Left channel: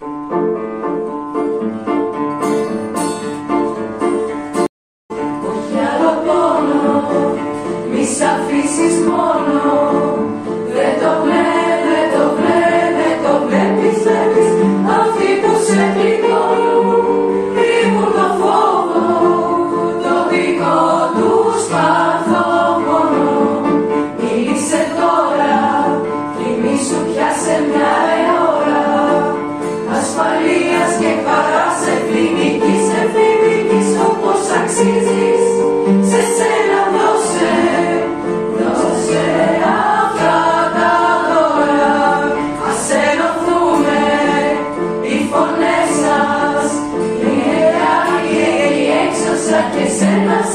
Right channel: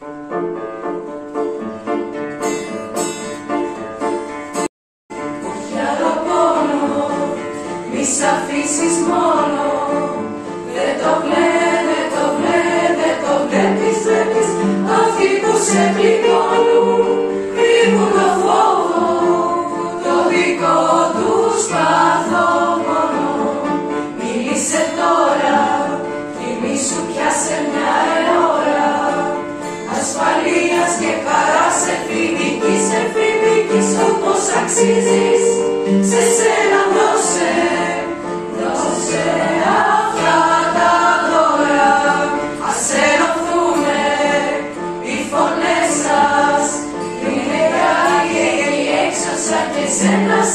Όχι άλλο πόνο, μη σ' αφήσεις μόνο. Δεν το βλέπεις, αυτοί που σε πληγώνουν κρύβουν το φόβο, το δικό τους καθόμονο. Μίλησε τώρα, κοιμήσου πια σε μια ώρα ασφαλείας και χαράς εφηβικής όπως αξίζεις. Σε σένα δώσε αυτά τα δώρα. Ας ενωθούνε οι φωνές σας, η νεκρά και η έξωσα και σένας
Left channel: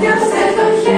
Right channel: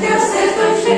κι άστε το χέρι.